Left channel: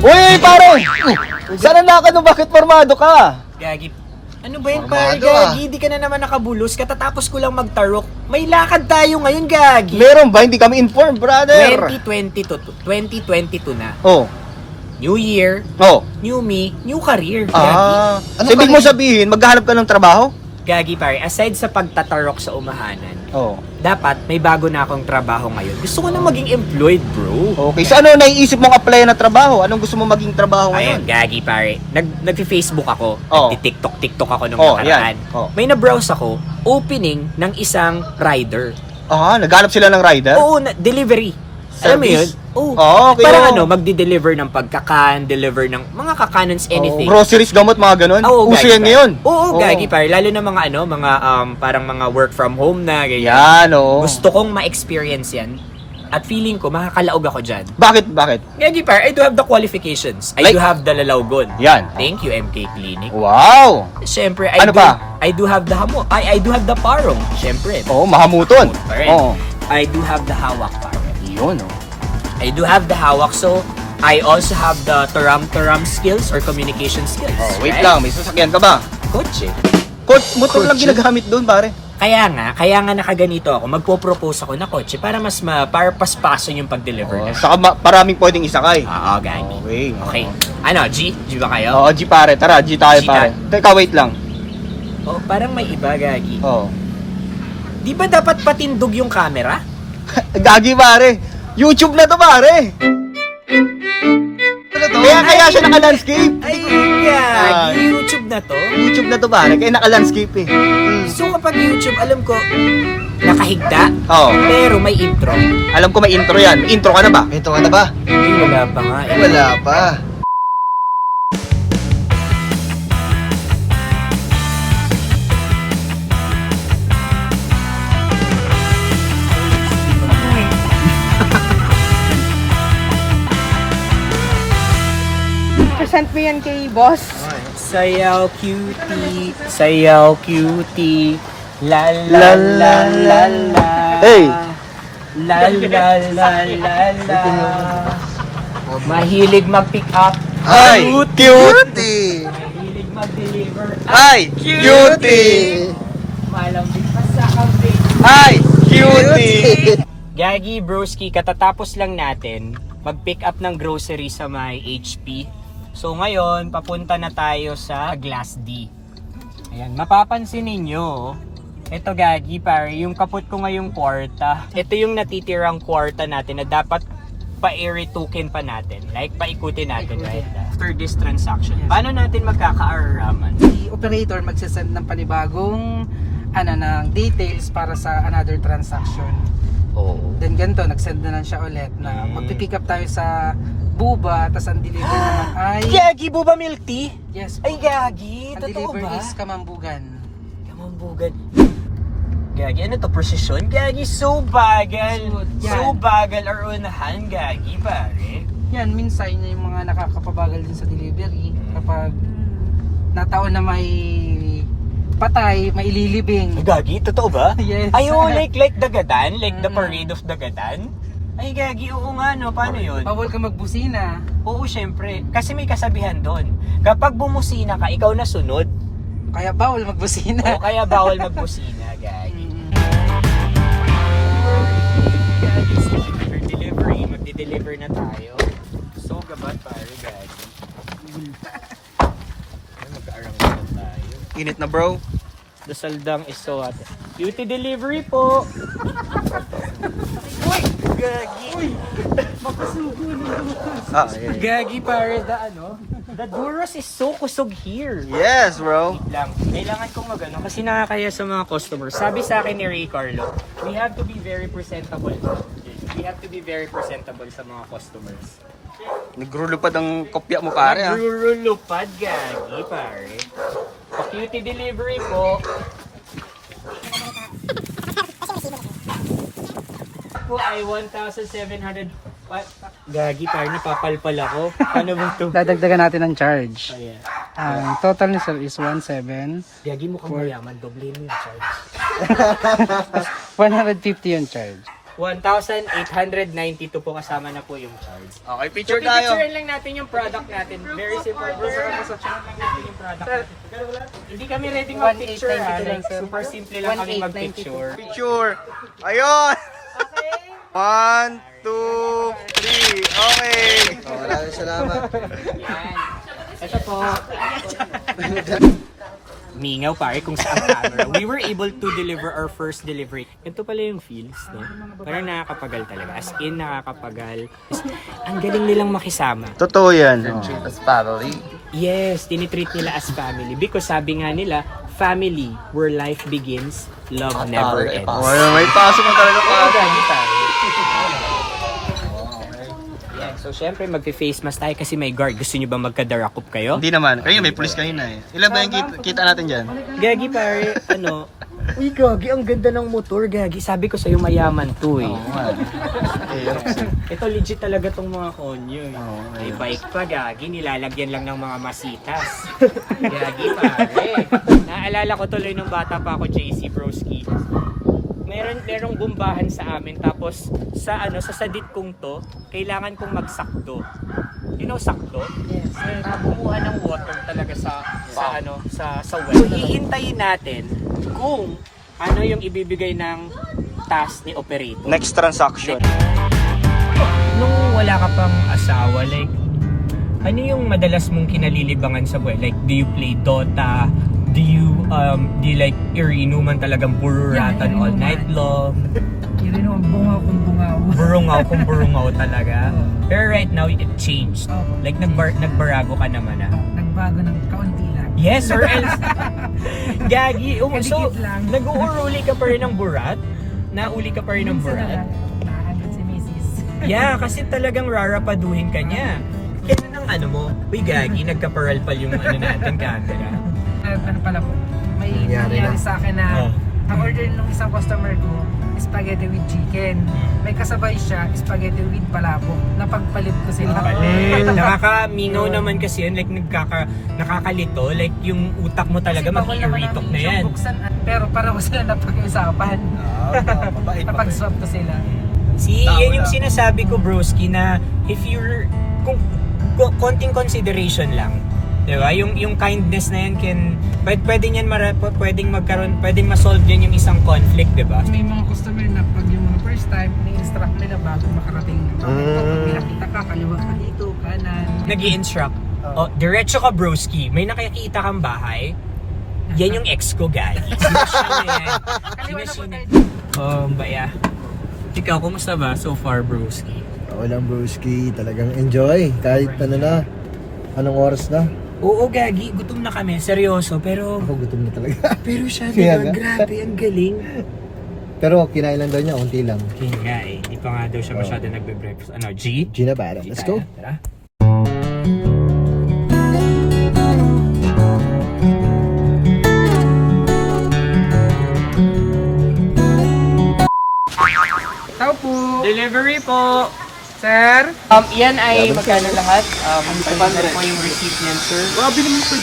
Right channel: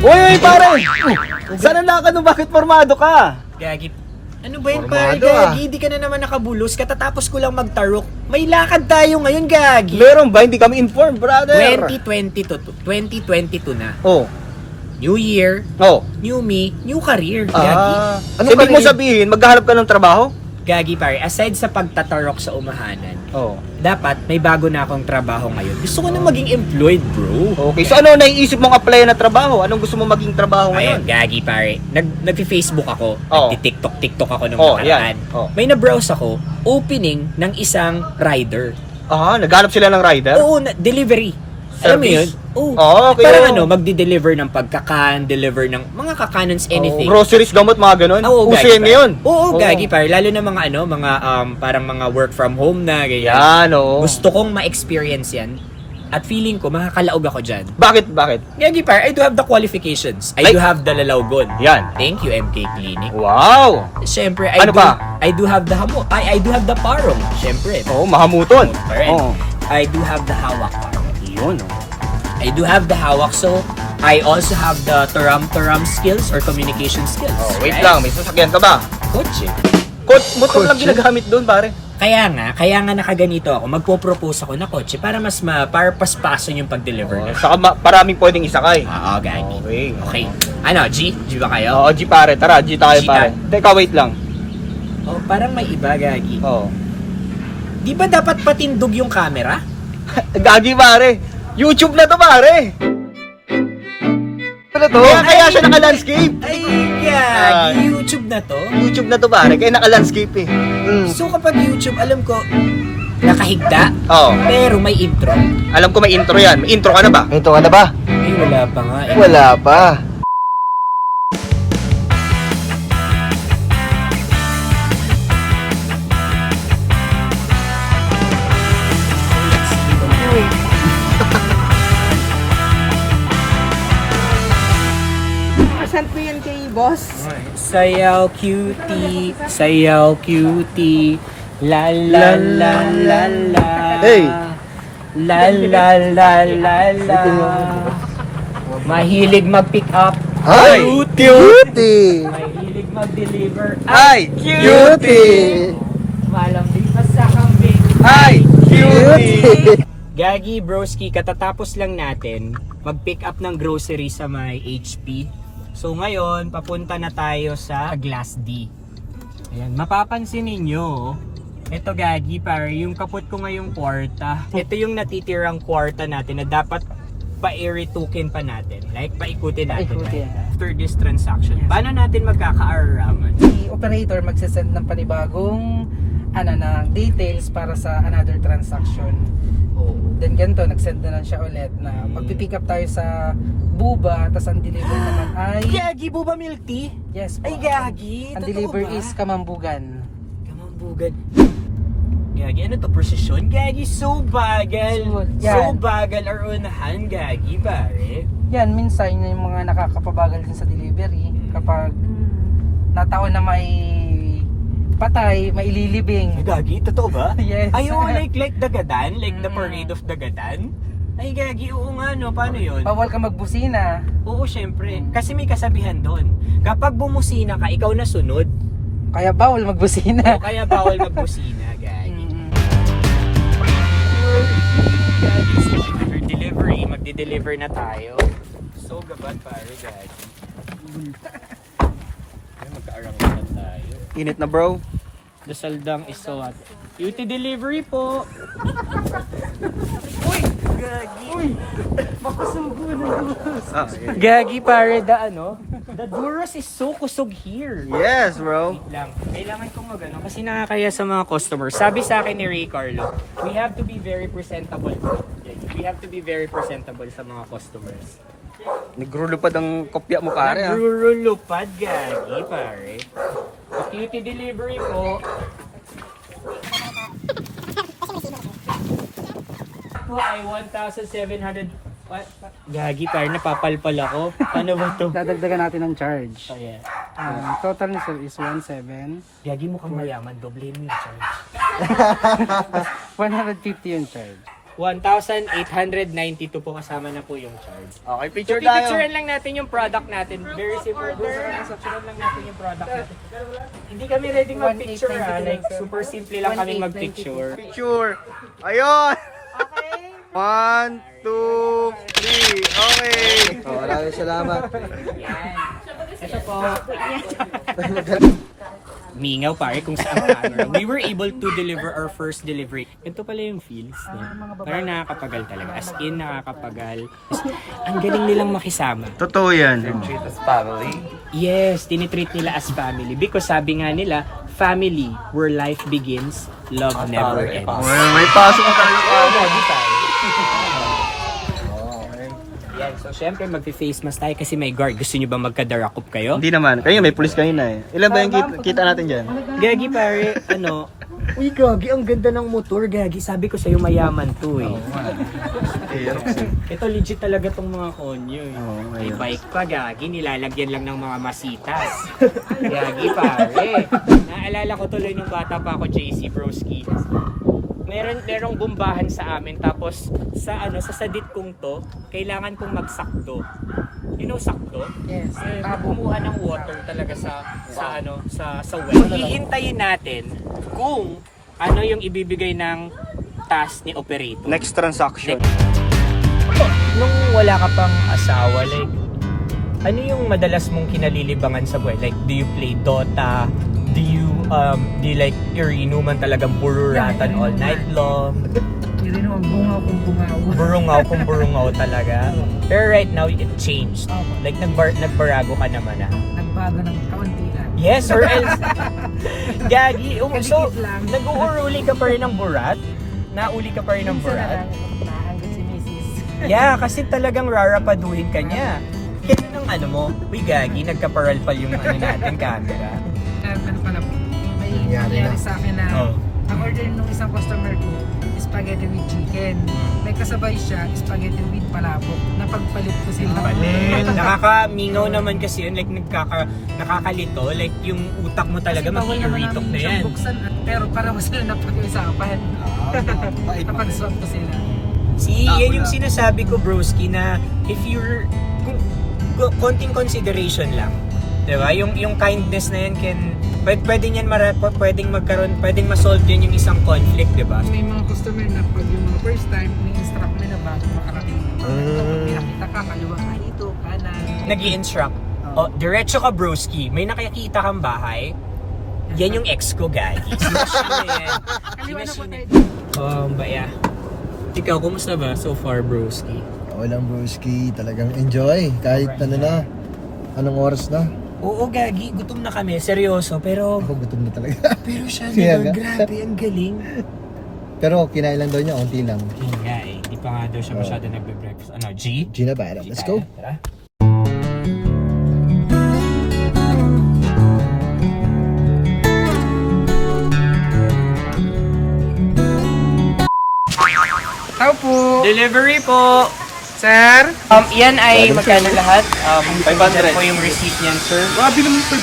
Uy, pare! Saan ang lakad mo? Bakit formado ka? Gagi. Ano ba yun, pare? Formado, Gagi, di ka na naman nakabulos. Katatapos ko lang magtarok. May lakad tayo ngayon, Gagi. Meron ba? Hindi kami informed, brother. 2022 na. Oh. New year, Oh. new me, new career. Gagi. Ano ibig mo sabihin? Maghahanap ka ng trabaho? Gagi, pare. Aside sa pagtatarok sa umahanan, Oh. dapat may bago na akong trabaho ngayon. Gusto ko na maging employed, bro. Okay. So ano naiisip mong apply na trabaho? Anong gusto mo maging trabaho Ayan, ngayon? Gagi, pare. Nag-Facebook ako. Oh. Nagti-TikTok ako nung Oh, nakaraan. yan. Oh. May na-browse ako, opening ng isang rider. Naghanap sila ng rider? Oo, delivery. Alam mo yun? Service? Oo. Okay. Parang magdi-deliver ng pagkakan, deliver ng mga kakanons, anything. Groceries, gamot, mga ganun? Oo, Uso Gagi, yan pare. ngayon? Oo, Gagi, pare. Lalo na mga parang mga work from home na, ganyan. Yan, oh. Gusto kong ma-experience yan. At feeling ko, makakalaog ako dyan. Bakit? Gagi, pare, I do have the qualifications. I Like? do have the lalawgon. Yan. Thank you, MK Clinic. Wow! Siyempre, Ano pa? I do have the I do have the parong. Siyempre. Oo, mahamuton. Pa rin. Oo. I do have the hawak, pare. Yun. I do have the hawak, so I also have the taram-taram skills or communication skills. Wait right? lang, may sasakyan ka ba? Kotse. Motor lang Kotse? ginagamit doon, pare. Kaya nga nakaganito ako. Magpo-propose ako na kotse para para paspason yung pag-deliver na. Saka maraming pwedeng isakay. Oo, Gani. Okay. Okay. Ano, G? G ba kayo? Oo, G pare. Tara, G tayo G pare. Teka, wait lang. Oh, parang may iba, Gagi. Oo. Di ba dapat patindog yung camera? Gagi pare. YouTube na to pare. Ano to? Ay! Kaya siya naka-landscape. Ay, Gagi. YouTube na to? YouTube na to pare. Kaya naka-landscape eh. So kapag YouTube, alam ko, nakahigda, Oo. pero may intro. Alam ko may intro yan. May intro ka na ba? Ito ka na ba? Ay, wala pa nga eh. Wala pa. Present mo yan kay boss. Sayaw cutie, sayaw cutie, la la la la la. Hey! La la la la la. Mahilig mag-pick up. Ay! Cutie! Mahilig mag-deliver. Ay! Cutie! Malambing pa sa kambing. Ay! Cutie! Gagi, broski, katatapos lang natin mag-pick up ng grocery sa may HP. So ngayon, papunta na tayo sa Glass D. Ayan, mapapansin ninyo, ito Gagi, pare, yung kapot ko ngayong kwarta. Ito yung natitirang kwarta natin na dapat pa-iritukin pa natin. Like, paikutin natin right after this transaction. Paano natin magkakaaraman? Si operator magsasend ng panibagong ng details para sa another transaction. Oo. Then ganito, nagsend na lang siya ulit na magpipick up tayo sa Buba, tas ang delivery naman ay... Gagi, Buba Milk Tea? Yes po. Ay, Gagi, Ang totoo delivery ba? is Kamambugan. Kamambugan. Gagi, ano to? Precision? Gagi, so bagal. Yan. So bagal or unahan, Gagi, pare. Yan, minsan yung mga nakakapabagal din sa delivery kapag nataon na may patay, may ililibing. Gagi, totoo ba? Yes. Ayaw, like Dagadan? Like the Mm. parade of Dagadan? Ay, Gagi, oo nga, no? Paano yun? Bawal ka magbusina. Oo, syempre. Kasi may kasabihan doon. Kapag bumusina ka, ikaw na sunod. Kaya bawal magbusina. O kaya bawal magbusina, Gagi. Delivery, magdi-deliver na tayo. So gabat pare, Gagi. Ay, magka-arangan tayo. Init na bro. Dasaldang iso at beauty delivery po. Uy, Gagi. Gagi pare, the Duros is so kusog here. Yes, bro. Lang. Kailangan kong kasi nakakaya sa mga customers. Sabi sa akin ni Ray Carlo, we have to be very presentable. We have to be very presentable sa mga customers. Nagrulupad ang kopya mo pare ha. Nagrulupad, Gagi, pare. Pa-cutie delivery po. Po ay 1,700. Gagi, pare, napapalpal ako. Ano ba to? Dadagdagan natin ng charge. Oh, yeah. Total ni sir is 1,700. Gagi, mukhang mayaman. Doble mo yung charge. 150 yung charge. 1,892 po kasama na po yung charge. Okay, So, picture tayo. pipicturean lang natin yung product natin. Very simple. Picturean lang natin yung product natin. Hindi kami ready mag-picture ha. Like, super simple lang kami mag-picture. Picture. Ayun. 1, 2, 3. Okay. Maraming salamat. Yan. Ito po. Mingaw pare kung saan camera. We were able to deliver our first delivery. Ito pala yung feels, no? Parang nakakapagal talaga. As in, nakakapagal. Ang galing nilang makisama. Totoo yan. Yes, tinitreat nila as family. Because sabi nga nila, family, where life begins, love never ends. Oh, may pasok mo talaga pa. Yan, so syempre magpi-face mask tayo kasi may guard. Gusto nyo ba magka-darakop kayo? Hindi naman. Kayo may pulis kanina eh. Ilan ba yung kita natin dyan? Gagi pare, uy gagi, ang ganda ng motor gagi. Sabi ko sa'yo mayaman to eh. Ito legit talaga tong mga konyo eh. May bike pa gagi, nilalagyan lang ng mga masitas. Gagi pare. Naalala ko tuloy nung bata pa ako, JC Broski. Merong bombahan sa amin tapos sa sadit kong to, kailangan kong magsakto. You know sakto? Yes. Bumuha ng water talaga sa well. So hihintayin natin kung ano yung ibibigay ng task ni operator. Next transaction. Nung wala ka pang asawa, like, ano yung madalas mong kinalilibangan sa buhay? Like, do you play Dota? Do you like inuman talagang bururatan all night long? Yun ang bunga kong bungaw. Burungaw talaga. Pero right now, it changed. Like, nagbarago ka naman ah. Nagbago ng kaunti lang. Yes, or else. Gagi. So, Kadikit lang. nag-uuli ka pa rin ng burat? Nauli ka pa rin ng burat? Nakahanda si Mrs. Yeah, kasi talagang rarapaduhin ka niya. Kaya ng mo, uy gagi, nagkaparalpal yung natin camera. Ano pala po, may nangyari sa akin na na-order nung isang customer ko, spaghetti with chicken. May kasabay siya, spaghetti with palabok. Napagpalit ko sila. Nakakamingaw naman kasi yun, like nakakalito, like yung utak mo talaga mag-iritok na yan. Buksan, pero parang ko sila napag-usapan. Napag-swap ko sila. Yan yung sinasabi ko broski na if you're, kung konting consideration lang, diba? Yung kindness na yan pwedeng ma-solve din yung isang conflict, diba? May mga customer na pag yung mga first time, ni-instruct nila bago makarating na. Pag pinakita ka, kaliwa ka dito, kanan. Nag-i-instruct. Diretso ka broski, may nakikita kang bahay. Yan yung ex ko, guys. Kaliwa na po tayo. Baya. Ikaw, kumusta ba so far, broski? Walang broski, talagang enjoy. Kahit anong oras na. Oo, gagi. Gutom na kami. Seryoso. Pero Gutom na talaga. Pero siya, Kaya diba? nga. Grabe, ang galing. Pero kinain lang daw niya, unti lang. Kaya nga eh. Di pa nga daw siya masyado nagbe-breakfast. G? Gina Barra, let's go. Tara. Tao po! Delivery po! Sir? Iyan ay magkano lahat? 500 po yung receipt niyan, sir. Grabe naman ito.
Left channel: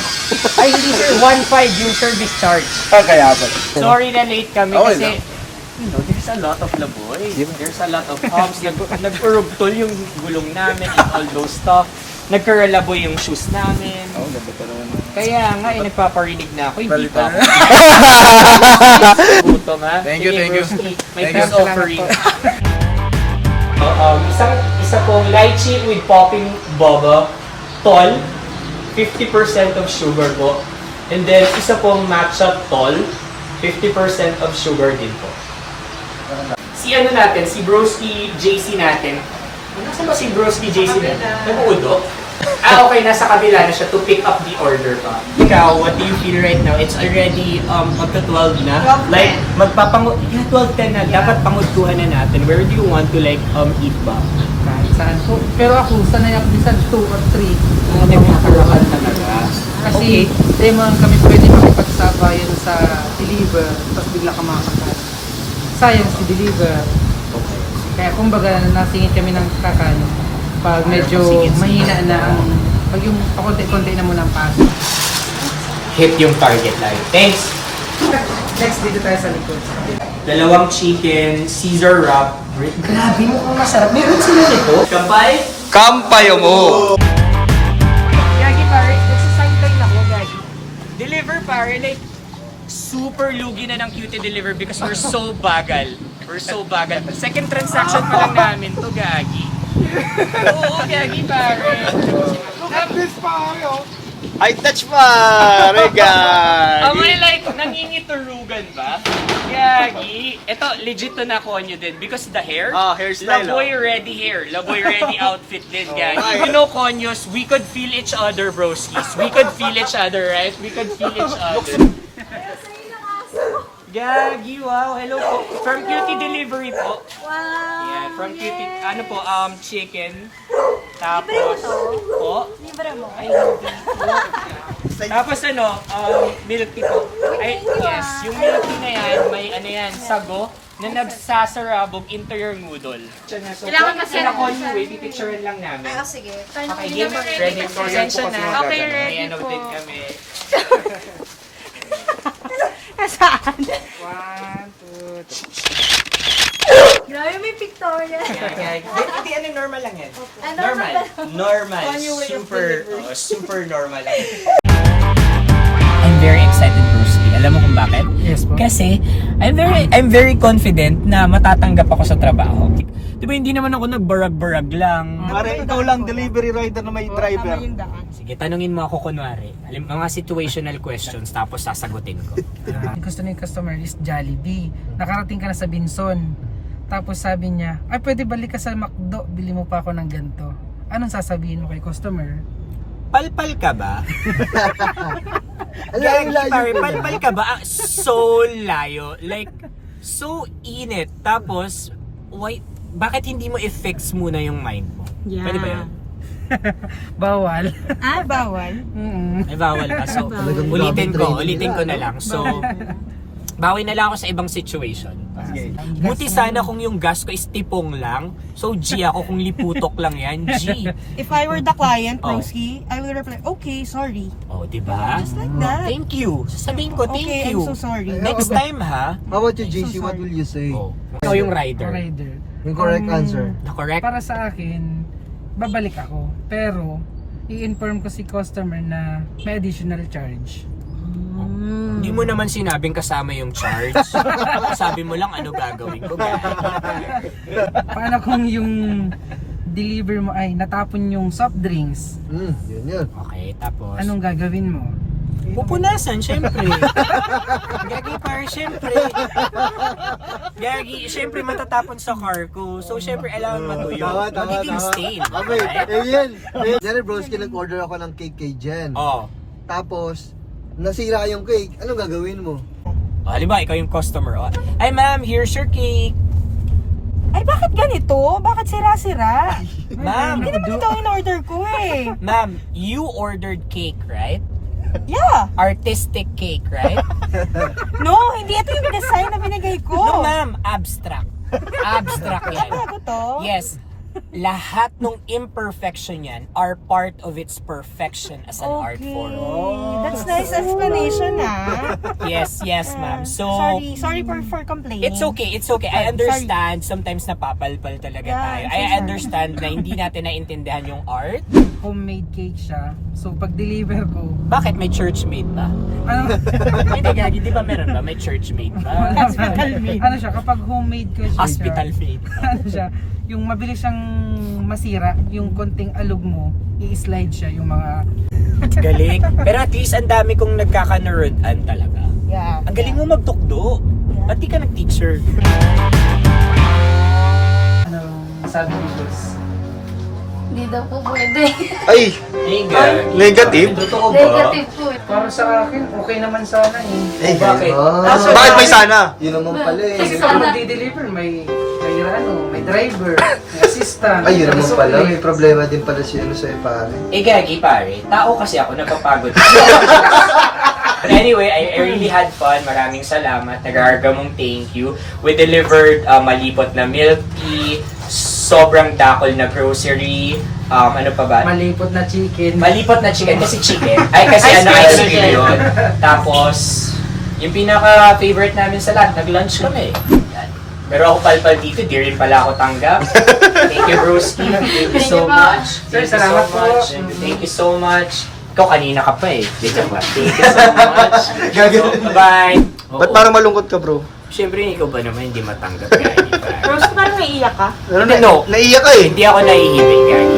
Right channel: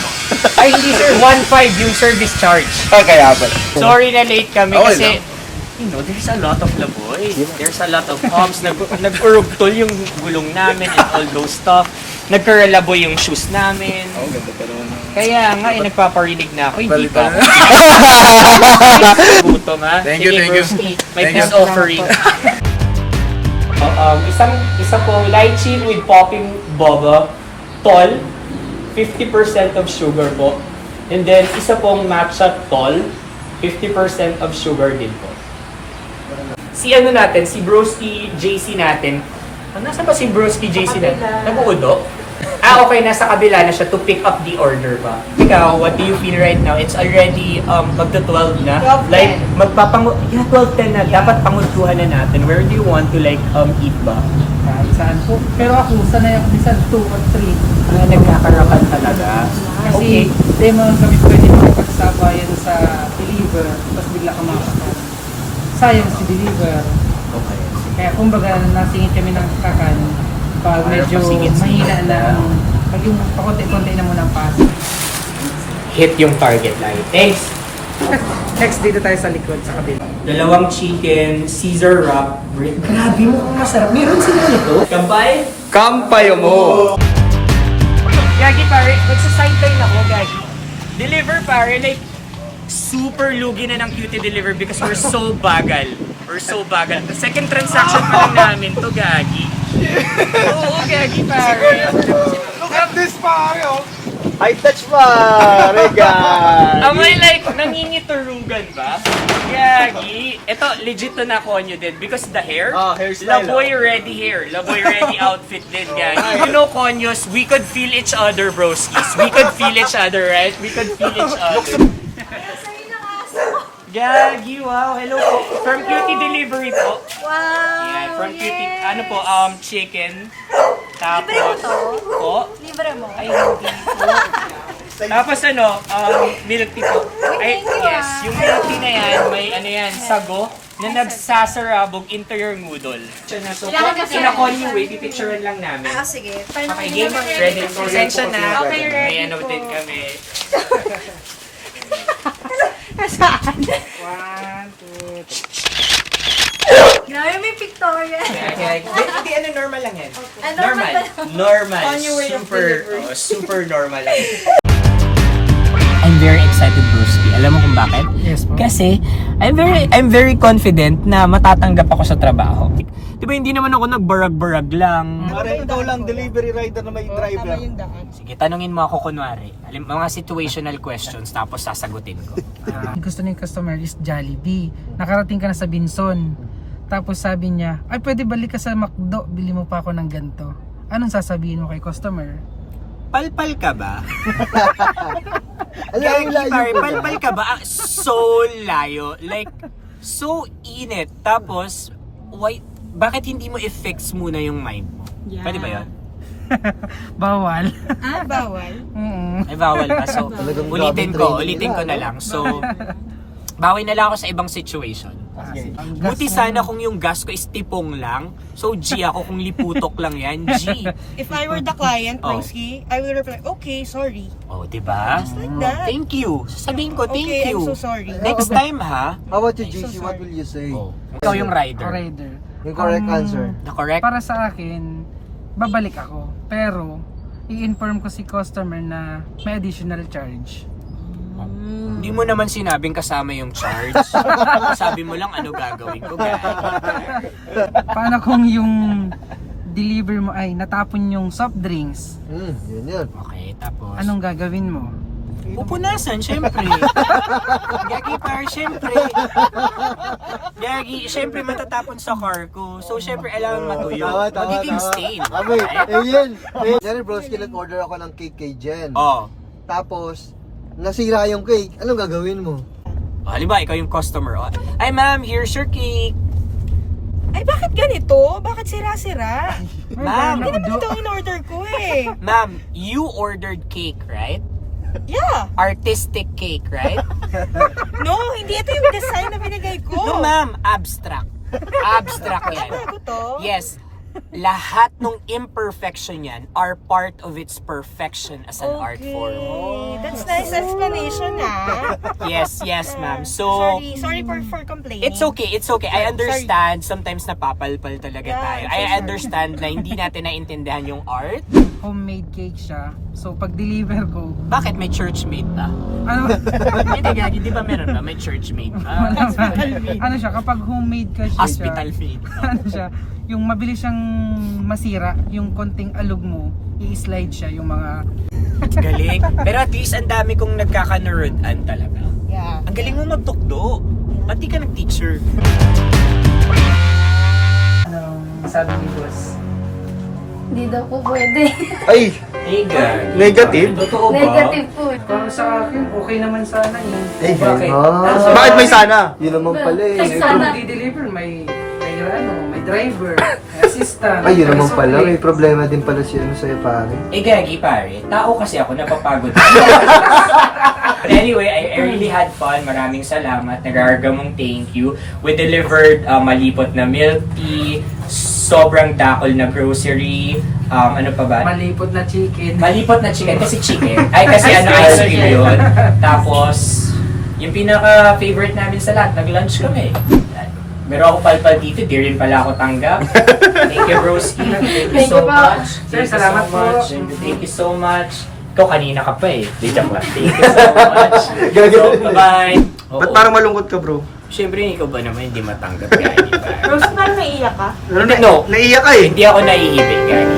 Ay, hindi sir. 1.5 yung service charge. Kaya ba? Sorry na late kami Okay kasi lang. there's a lot of laboy. There's a lot of humps. Nag-urugtol yung gulong namin and all those stuff. Nagkaralaboy yung shoes namin. Ganda pa naman. Kaya nga, paparinig na ako. Hindi pa ako. Gutom ha. Thank you, Sige, thank you. broski, may Thank peace you. offering. Isa pong lychee with popping boba. Tol. 50% of sugar po. And then, isa pong matcha tol. 50% of sugar din po. Si si Broski JC natin. Nasaan ba si Broski JC natin? Nag-uudo? Okay, nasa kabila na siya to pick up the order pa. Ikaw, what do you feel right now? It's already magta-12 na. Like, 12:10 na. Dapat pangudkuhan na natin. Where do you want to eat ba? Kahit saan po. Pero ako, sanay ako minsan 2 or 3. Nagkakarakan talaga. Kasi, di mo kami pwede makipagsabayan sa deliver, tapos bigla ka makakakan. Sayang si deliver. Okay. Kaya kumbaga, nasingit kami ng kakan pag medyo mahina na pag yung pakunti-kunti na muna ang pass. Hit yung target line. Thanks! Next, dito tayo sa likod, sa kabila. Dalawang chicken, Caesar wrap. Grabe mo kung masarap. Meron sila nito. Kampay? Kampayo mo! Gagi pare, magsa-sideline ako, Gagi. Deliver pare, like, super lugi na ng cutie deliver because we're so bagal. We're so bagal. Second transaction pa lang namin to, Gagi. Oo, Gagi pare. Look at this pare! High touch pa! Regal! Am I like, nangingiturugan ba? Gagi. Ito, legit to na konyo din because the hair, Oh, hairstyle. Laboy ready hair, Laboy ready outfit din, Gagi. You know, konyos, we could feel each other, broskis. We could feel each other, right? We could feel each other. Gagi, wow. Hello po. From Cutie Delivery po. Wow! Yeah, from Cutie, Yay! ano po, chicken. Tapos, Libre mo to? po. Libre mo? Ay, hindi po. Tapos ano, milk tea po. Ay, thank you, yes, ah. yung milk tea na yan, may ano yan, sago, na nagsasarabog into your noodle. So, Kailangan kasi so na Connie way, pipicturean lang namin. Ah, sige. Paano Okay, hindi game, naman ready. Pasensya na. Okay, ready May ano po. din kami. Saan? 1, 2, 3. Grabe, may pictorial. Hindi, ano, normal lang yan. Ah, normal ba? Normal. Connie way of Super normal lang. I'm very excited, Bruski. Alam mo kung bakit? Yes po. Kasi I'm very confident na matatanggap ako sa trabaho. 'Di ba hindi naman ako nagbarag-barag lang. Pare, ikaw lang delivery rider na may driver. Sige, tanungin mo ako kunwari. Mga situational questions tapos sasagutin ko. Gusto ng customer is Jollibee. Nakarating ka na sa Binson. Tapos sabi niya, ay pwede balik ka sa McDo, bili mo pa ako ng ganito. Anong sasabihin mo kay customer? Palpal ka ba? Gagi pare, palpal ka ba? So layo. Like, so init. Tapos, why, bakit hindi mo i-fix muna yung mind mo? Yeah. Pwede ba yun? Bawal. Ah, bawal? Ay, bawal ba? So, ulitin ko na lang. So, bawi na lang ako sa ibang situation. Buti sana kung yung gas ko is tipong lang. So, G ako kung liputok lang yan. G. If I were the client, Oh. Pringsky, I would reply, okay, sorry. Oh, diba? Just like that. Thank you. Sasabihin ko, thank Okay, you. I'm so sorry. Next time, ha? How about you, JC? What will you say? Oh. Ikaw yung rider. Rider. Yung correct answer. Na correct? Para sa akin, babalik ako. Pero, i-inform ko si customer na may additional charge. Hindi mo naman sinabing kasama yung charge. Sabi mo lang ano gagawin ko, guys. Paano kung yung deliver mo ay natapon yung soft drinks? Yun. Okay, tapos? Anong gagawin mo? Pupunasan, syempre. Gagi par, syempre. Gagi, syempre matatapon sa car ko. So, syempre, alam matuyo. Magiging stain. Okay, Right? ayun. Jenny Broski, nag-order ako ng cake kay Jen. Oh. Tapos, nasira yung cake. Anong gagawin mo? Halimbawa, ikaw yung customer. Oh. Ay, ma'am, here's your cake. Ay, bakit ganito? Bakit sira-sira? Ma'am, Hindi naman ito ang in-order ko eh. ma'am, you ordered cake, right? Yeah. Artistic cake, right? No, hindi ito yung design na binigay ko. No, ma'am, abstract. Abstract yan. Kaya ko to? Yes. Lahat ng imperfection yan are part of its perfection as an art form. That's nice explanation ah. Yes, ma'am. So, Sorry for complaining. it's okay. I understand. Sometimes napapalpal talaga Yeah, tayo. I'm so I sorry. understand na hindi natin naintindihan yung art. Homemade cake siya. So, pag deliver ko, Bakit may church made ba? ano? Hindi, Gagi, di ba meron ba? May church made ba? Wala ba? Ano siya, kapag homemade kasi Hospital siya, made. ano siya, yung mabilis siyang masira, yung konting alog mo, i-slide siya, yung mga... Galing. Pero at least ang dami kong nagkakanurudan talaga. Yeah. Ang galing mo magtukdo. Ba't di ka nag-teacher? Anong sabi ni boss? Hindi daw po pwede. Ay! Hey, girl. Negative? Totoo Negative po. Para sa akin, okay naman sana eh. Bakit? Bakit may sana? Yun naman pala eh. Kasi Sana. kung magdi-deliver, may driver, may assistant, Ay, yun naman may pala. May suplete. problema din pala siya sa pare. Eh, Gagi, pare. Tao kasi ako, napapagod. But anyway, I really had fun. Maraming salamat. Nag-aargamong thank you. We delivered malipot na milk tea, sobrang dakol na grocery, ano pa ba? Malipot na chicken. Malipot na chicken kasi chicken. Ay, kasi ano, ice cream yun. Tapos, Yung pinaka-favorite namin sa lahat, nag-lunch kami. Yan. Meron ako palpal dito, di rin pala ako tanggap. Thank you, Broski. Thank you so much. Sir, Thank you salamat so po. much. Thank you so much. Ikaw kanina ka pa eh. Wait lang. Thank you so much. So, bye-bye. Ba't parang malungkot ka, bro? Siyempre, ikaw ba naman hindi matanggap, Gani? Rose, parang naiiyak ka? Pero Hindi, no. naiiyak ka eh. Hindi ako nahihibig, Gani.